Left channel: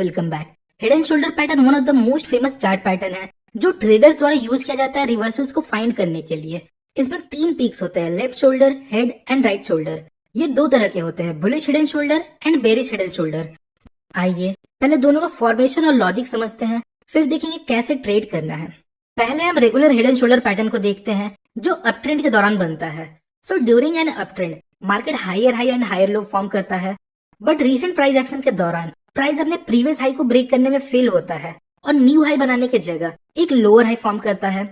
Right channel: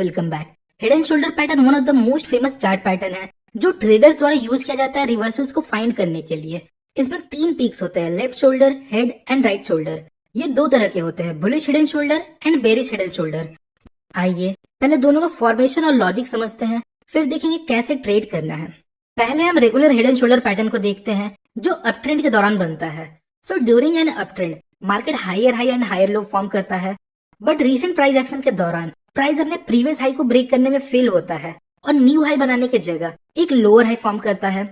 Welcome back. Head and shoulder pattern one of the most famous chart pattern है जो traders द्वारा use किया जाता है रिवर्सल्स को फाइंड करने के लिए। इसमें तीन पीक्स होते हैं, left shoulder, head and right shoulder. ये दो तरह के होते हैं, bullish head and shoulder and bearish head and shoulder. आइए पहले दोनों का फॉर्मेशन और लॉजिक समझते हैं, फिर देखेंगे कैसे ट्रेड करना है। पहले हम regular head and shoulder pattern को देखते हैं जो अप ट्रेंड के दौरान बनता है। So during an up trend market higher high and higher low form करता है, बट रीसेंट प्राइस एक्शन के दौरान प्राइस अपने प्रीवियस हाई को ब्रेक करने में फेल होता है और न्यू हाई बनाने की जगह एक लोअर हाई फॉर्म करता है।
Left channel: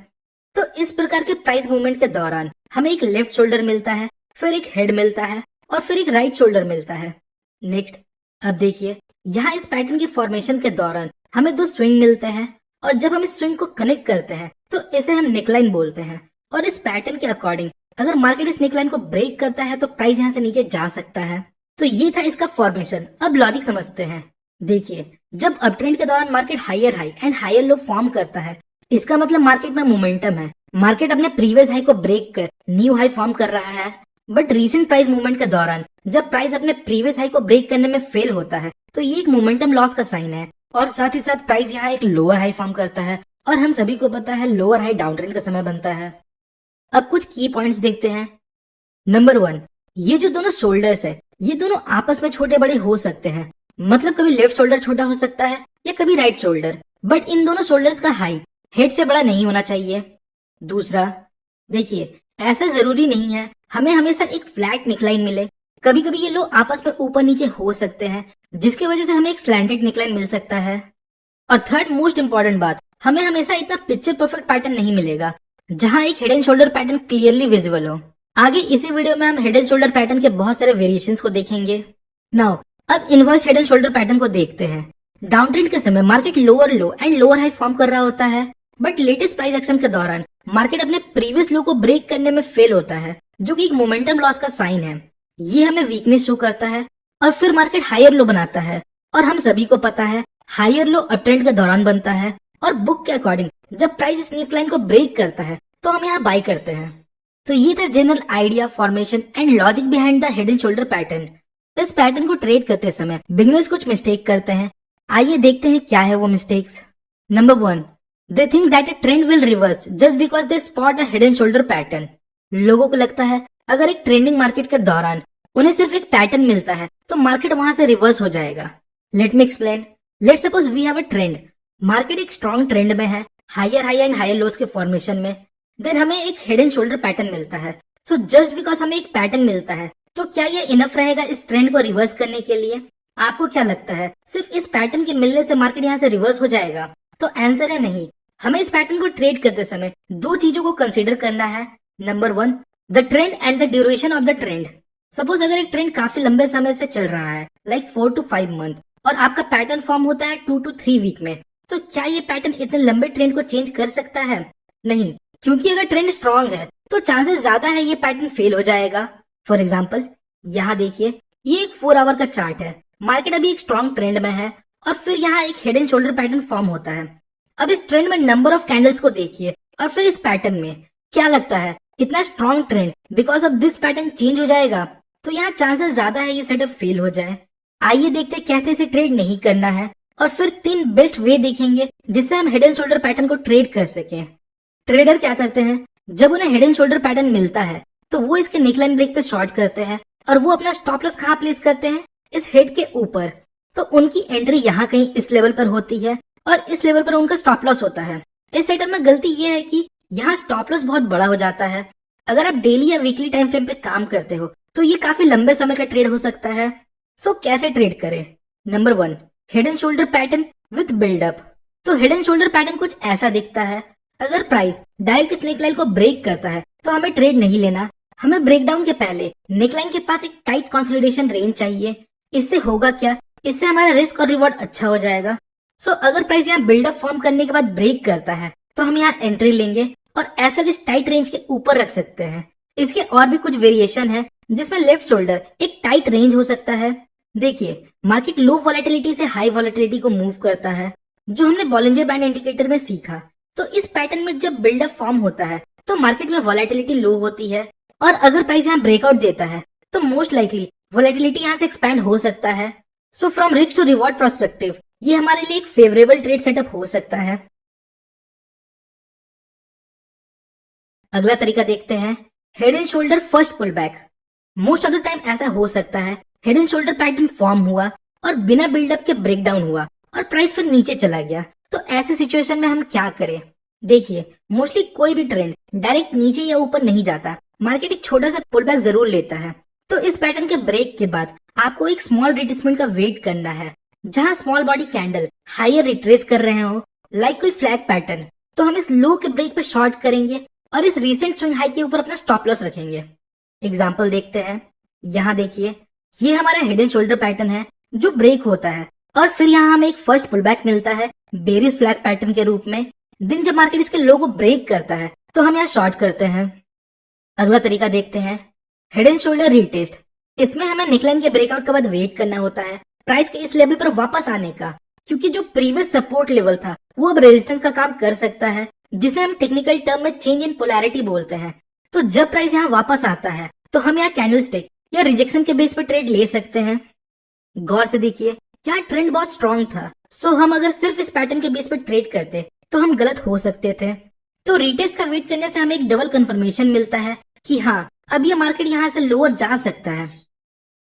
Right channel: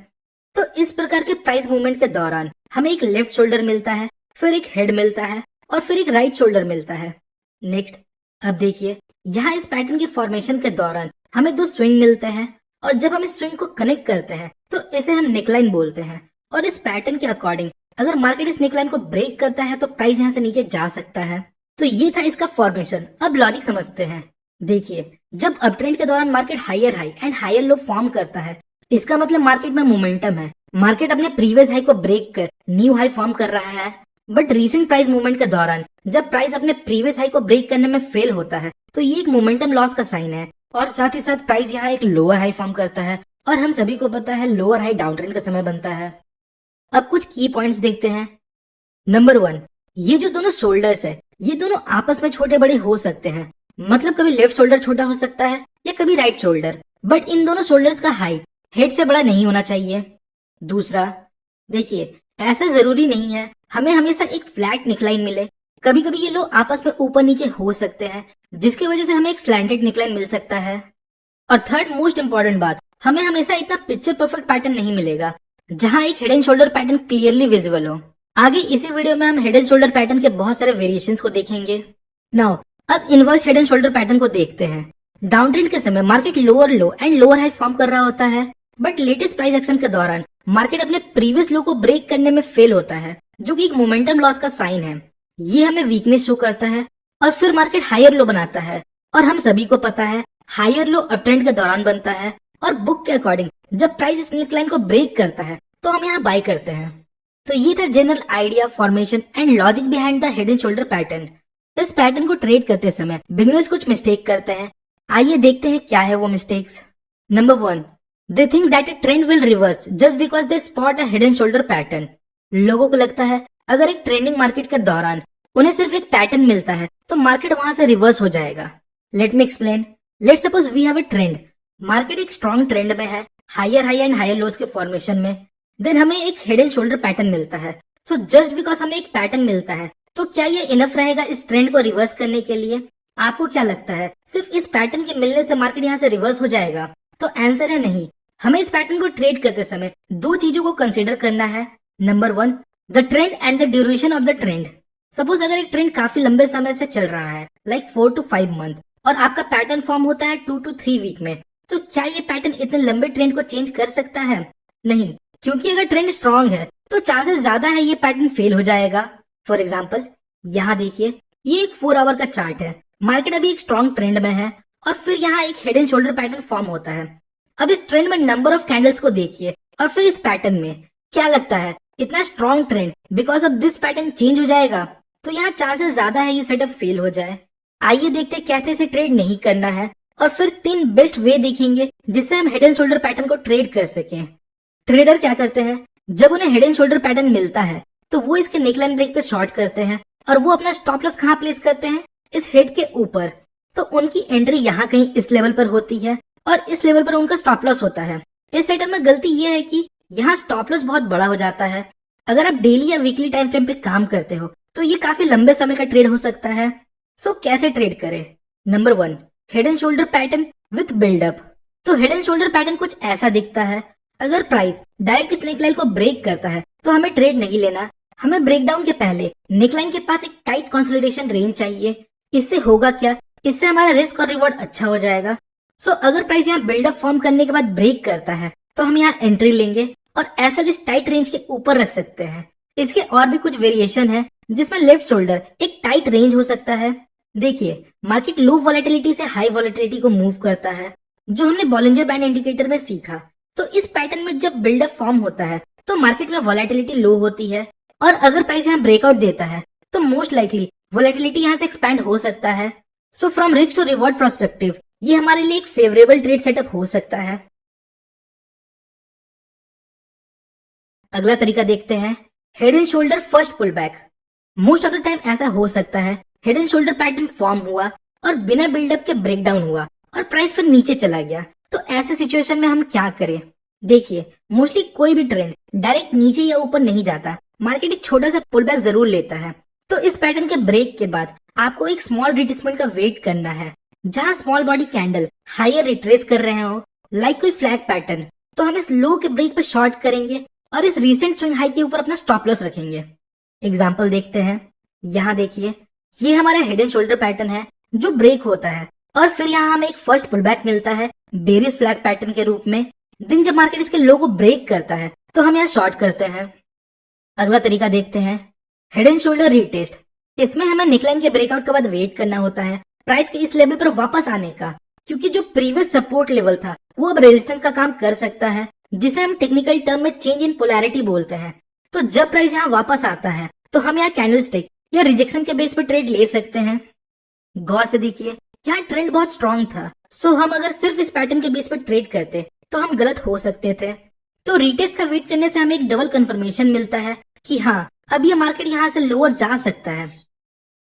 तो इस प्रकार के प्राइस मूवमेंट के दौरान हमें एक लेफ्ट शोल्डर मिलता है, फिर एक हेड मिलता है और फिर एक राइट शोल्डर मिलता है। नेक्स्ट, अब देखिए यहाँ इस पैटर्न के फॉर्मेशन के दौरान हमें दो स्विंग मिलते हैं और जब हम इस स्विंग को कनेक्ट करते हैं तो इसे हम नेकलाइन बोलते हैं। और इस पैटर्न के अकॉर्डिंग अगर मार्केट इस नेकलाइन को ब्रेक करता है तो प्राइस यहाँ से नीचे जा सकता है। तो ये था इसका फॉर्मेशन। अब लॉजिक समझते हैं। देखिए, जब अप ट्रेंड के दौरान market higher high and higher low form करता है, इसका मतलब मार्केट में मोमेंटम है। मार्केट अपने प्रीवियस हाई को ब्रेक कर न्यू हाई फॉर्म कर रहा है, बट रीसेंट प्राइस मूवमेंट के दौरान जब प्राइस अपने प्रीवियस हाई को ब्रेक करने में फेल होता है तो ये एक मोमेंटम लॉस का साइन है। और साथ ही साथ प्राइस यहाँ एक लोअर हाई फॉर्म करता है और हम सभी को पता है लोअर हाई डाउन ट्रेंड का समय बनता है। अब कुछ की पॉइंट्स देखते हैं। नंबर 1, ये जो दोनों शोल्डर्स है ये दोनों आपस में छोटे बड़े हो सकते हैं। मतलब कभी लेफ्ट शोल्डर छोटा हो सकता है या कभी राइट शोल्डर, बट इन दोनों शोल्डर्स का हाइट हेड से बड़ा नहीं होना चाहिए। दूसरा, देखिए ऐसा जरूरी नहीं है हमें हमेशा एक फ्लैट नेकलाइन मिले। कभी कभी ये लोग आपस में ऊपर नीचे हो सकते हैं जिसकी वजह से हमें एक स्लैंटेड नेकलाइन मिल सकता है। और थर्ड मोस्ट इंपॉर्टेंट बात, हमें हमेशा इतना पिक्चर परफेक्ट पैटर्न नहीं मिलेगा जहां एक head and shoulder pattern clearly visible हो। आगे इसी वीडियो में हम हेड एंड शोल्डर पैटर्न के बहुत सारे वेरिएशंस को देखेंगे। नाउ अब inverse head and shoulder pattern को देखते हैं। डाउन ट्रेंड के समय market lower low and lower high form कर रहा होता है, बट लेटेस्ट प्राइस एक्शन के दौरान मार्केट अपने प्रीवियस लो को ब्रेक करने में फेल होता है, जो कि एक मोमेंटम लॉस का साइन है। ये हमें वीकनेस शो करता है और फिर मार्केट हायर लो बनाता है। और हम सभी को पता है हायर लो अप ट्रेंड के दौरान बनता है और बुक के अकॉर्डिंग जब प्राइस इस नेकलाइन को ब्रेक करता है तो हम यहाँ बाय करते हैं। तो ये था general idea, formation and logic behind the head and shoulder pattern. इस पैटर्न को ट्रेड करते समय बिगिनर्स कुछ मिस्टेक करते हैं। आइए देखते हैं क्या है वो mistakes. Number 1, they think that a trend will reverse just because they spot a head and shoulder pattern. लोगों को लगता है अगर एक ट्रेंडिंग मार्केट के दौरान उन्हें सिर्फ एक पैटर्न मिलता है तो मार्केट वहां से रिवर्स हो जाएगा। Let me explain. Let's suppose we have a trend. Market एक स्ट्रॉन्ग ट्रेंड में है, higher high and higher lows के फॉर्मेशन में। देन हमें एक हेड एंड शोल्डर पैटर्न मिलता है। सो जस्ट बिकॉज हमें एक पैटर्न मिलता है तो क्या ये इनफ रहेगा इस ट्रेंड को रिवर्स करने के लिए? आपको क्या लगता है सिर्फ इस पैटर्न के मिलने से मार्केट यहाँ से रिवर्स हो जाएगा? तो आंसर है नहीं। हमें इस पैटर्न को ट्रेड करते समय दो चीजों को कंसिडर करना है। Number 1, the trend and the duration of the trend. Suppose अगर एक ट्रेंड काफी लंबे समय से चल रहा है, लाइक 4 to 5 मंथ, और आपका पैटर्न फॉर्म होता है 2 to 3 वीक में, तो क्या ये पैटर्न इतने लंबे ट्रेंड को चेंज कर सकता है? नहीं, क्योंकि अगर ट्रेंड स्ट्रॉन्ग है तो चांसेस ज्यादा है ये पैटर्न फेल हो जाएगा। फॉर एग्जाम्पल, यहाँ देखिए ये एक 4 आवर का चार्ट है। मार्केट अभी एक स्ट्रॉन्ग ट्रेंड में है और फिर यहाँ एक head and shoulder pattern form होता है। अब इस ट्रेंड में नंबर ऑफ कैंडल्स को देखिए और फिर इस पैटर्न में क्या लगता है इतना strong trend because of this pattern change हो जाएगा? तो यहाँ चांसेस ज्यादा है ये सेटअप फेल हो जाए। आइए देखते हैं कैसे इसे ट्रेड नहीं करना है और फिर 3 बेस्ट वे देखेंगे जिससे हम हेड एंड शोल्डर पैटर्न को ट्रेड कर सकें। ट्रेडर क्या करते हैं, जब उन्हें हेड एंड शोल्डर पैटर्न मिलता है तो वो इसके नेकलाइन ब्रेक पे शॉर्ट करते हैं और वो अपना स्टॉप लॉस कहाँ प्लेस करते हैं? इस हेड के ऊपर। तो उनकी एंट्री यहाँ कहीं इस लेवल पर होती है और इस लेवल पर उनका स्टॉप लॉस होता है। इस सेटअप में गलती ये है कि यहाँ स्टॉप लॉस बहुत बड़ा हो जाता है। अगर आप डेली या वीकली टाइम फ्रेम पे काम करते हो तो ये काफी लंबे समय का ट्रेड हो सकता है। सो कैसे ट्रेड करें? Number 1, head and shoulder pattern with buildup. तो हेड एंड शोल्डर पैटर्न कुछ ऐसा दिखता है। अगर प्राइस डायरेक्ट इस नेकलाइन को ब्रेक करता है तो हमें ट्रेड नहीं लेना। हमें ब्रेकडाउन के पहले नेकलाइन के पास एक टाइट कंसोलिडेशन रेंज चाहिए। इससे होगा क्या? इससे हमारा रिस्क और रिवॉर्ड अच्छा हो जाएगा। सो अगर प्राइस यहाँ बिल्डअप फॉर्म करने के बाद ब्रेक करता है तो हम यहाँ एंट्री लेंगे और ऐसा इस टाइट रेंज के ऊपर रख सकते हैं। इसके और भी कुछ वेरिएशन है जिसमें लेफ्ट शोल्डर एक टाइट रेंज हो सकता है। देखिए, मार्केट लो वॉलेटिलिटी से हाई वॉलेटिलिटी को मूव करता है, जो हमने बॉलिंजर बैंड इंडिकेटर में सीखा। तो इस पैटर्न में जब बिल्डअप फॉर्म होता है तो मार्केट में वॉलेटिलिटी लो होती है और अगर प्राइस यहाँ ब्रेकआउट देता है तो मोस्ट लाइकली वॉलेटिलिटी यहाँ से एक्सपैंड हो सकता है। So from risk to reward perspective ये हमारे लिए एक फेवरेबल ट्रेड सेटअप हो सकता है। अगला तरीका देखते हैं, head and shoulder first pull back. Most of the time ऐसा हो सकता है head and shoulder pattern form हुआ और बिना बिल्डअप के ब्रेक डाउन हुआ और प्राइस फिर नीचे चला गया। तो ऐसे सिचुएशन में हम क्या करें? देखिए, मोस्टली कोई भी ट्रेंड डायरेक्ट नीचे या ऊपर नहीं जाता, मार्केट एक छोटा सा पुल बैक जरूर लेता है। तो इस पैटर्न के ब्रेक के बाद आपको एक स्मॉल रिट्रेसमेंट का वेट करना है, जहां small body candle higher retrace कर रहे हो, लाइक कोई फ्लैग पैटर्न। तो हम इस लो के ब्रेक पे शॉर्ट करेंगे और इस रिसेंट स्विंग हाई के ऊपर अपना स्टॉप लॉस रखेंगे। एग्जांपल देखते हैं, यहाँ देखिए, ये हमारा हेड एंड शोल्डर पैटर्न है जो ब्रेक होता है और फिर यहाँ हमें एक फर्स्ट पुल बैक मिलता है बेरिस फ्लैग पैटर्न के रूप में। दिन जब मार्केट इसके लो को ब्रेक करता है तो हम यहाँ शॉर्ट करते हैं। अगला तरीका देखते हैं, हेड एंड शोल्डर रीटेस्ट। इसमें हमें नेकलाइन के ब्रेकआउट के बाद वेट करना होता है प्राइस के इस लेवल पर वापस आने का, क्योंकि जो प्रीवियस सपोर्ट लेवल था वो अब रेजिस्टेंस का काम कर सकता है, जिसे हम टेक्निकल टर्म में चेंज इन पोलैरिटी बोलते हैं। तो जब प्राइस यहाँ वापस आता है तो हम यहाँ कैंडल स्टिक या रिजेक्शन के बेस पर ट्रेड ले सकते हैं। गौर से देखिए, यहाँ ट्रेंड बहुत स्ट्रांग था, सो हम अगर सिर्फ इस पैटर्न के बेस पर ट्रेड करते तो हम गलत हो सकते थे। तो रीटेस्ट का वेट करने से हमें एक डबल कंफर्मेशन मिलता है कि हाँ, अब ये मार्केट यहाँ से लोअर जा सकता है।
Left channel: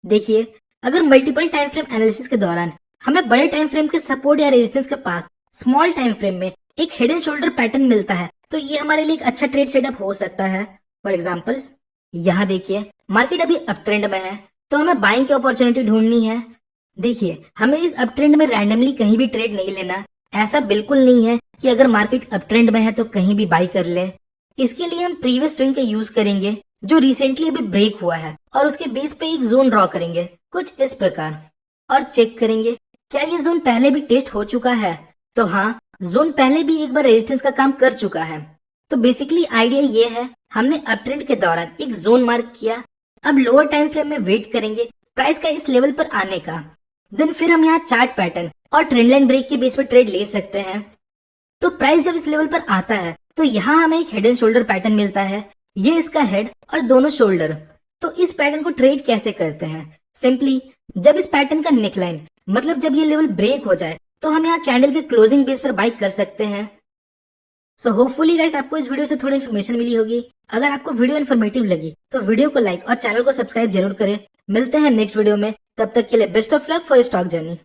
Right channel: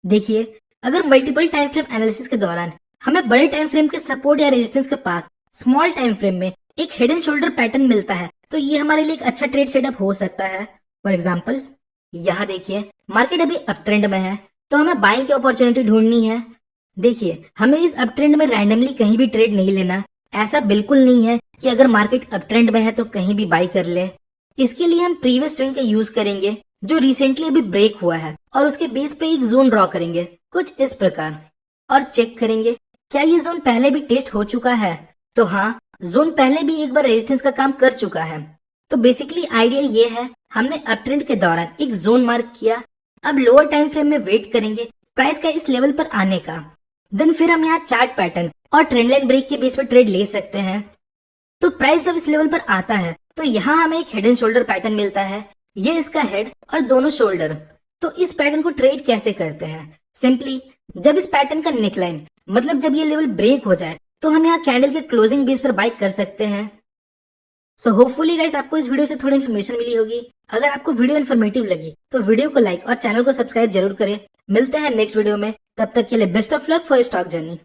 देखिए, अगर मल्टीपल टाइम फ्रेम एनालिसिस के दौरान हमें बड़े टाइम फ्रेम के सपोर्ट या रेजिस्टेंस के पास स्मॉल टाइम फ्रेम में एक हेड एंड शोल्डर पैटर्न मिलता है, तो ये हमारे लिए एक अच्छा ट्रेड सेटअप हो सकता है। फॉर एग्जाम्पल, यहाँ देखिए, मार्केट अभी अप ट्रेंड में है, तो हमें बाइंग की अपॉर्चुनिटी ढूंढनी है। देखिए, हमें इस अप ट्रेंड में रैंडमली कहीं भी ट्रेड नहीं लेना। ऐसा बिल्कुल नहीं है कि अगर मार्केट अप ट्रेंड में है तो कहीं भी बाई कर ले। इसके लिए हम प्रीवियस स्विंग का यूज करेंगे जो रिसेंटली अभी ब्रेक हुआ है और उसके बेस पे एक जोन ड्रॉ करेंगे कुछ इस प्रकार और चेक करेंगे क्या ये जोन पहले भी टेस्ट हो चुका है। तो हाँ, जोन पहले भी एक बार रेजिस्टेंस का काम कर चुका है। तो बेसिकली आइडिया ये है, हमने अप ट्रेंड के दौरान एक जोन मार्क किया, अब लोअर टाइम फ्रेम में वेट करेंगे प्राइस का इस लेवल पर आने का। देन फिर हम यहाँ चार्ट पैटर्न और ट्रेंड लाइन ब्रेक के बेस पर ट्रेड ले सकते हैं। तो प्राइस जब इस लेवल पर आता है तो यहाँ हमें एक हेड एंड शोल्डर पैटर्न मिलता है, ये इसका हेड और दोनों शोल्डर। तो इस पैटर्न को ट्रेड कैसे करते हैं? सिंपली, जब इस पैटर्न का नेकलाइन मतलब जब ये लेवल ब्रेक हो जाए तो हम यहाँ कैंडल के क्लोजिंग बेस पर बाई कर सकते हैं। सो होपफुली गाइस, आपको इस वीडियो से थोड़ी इन्फॉर्मेशन मिली होगी। अगर आपको वीडियो इन्फॉर्मेटिव लगी तो वीडियो को लाइक और चैनल को सब्सक्राइब जरूर करें। मिलते हैं नेक्स्ट वीडियो में, तब तक के लिए best of luck for stock journey.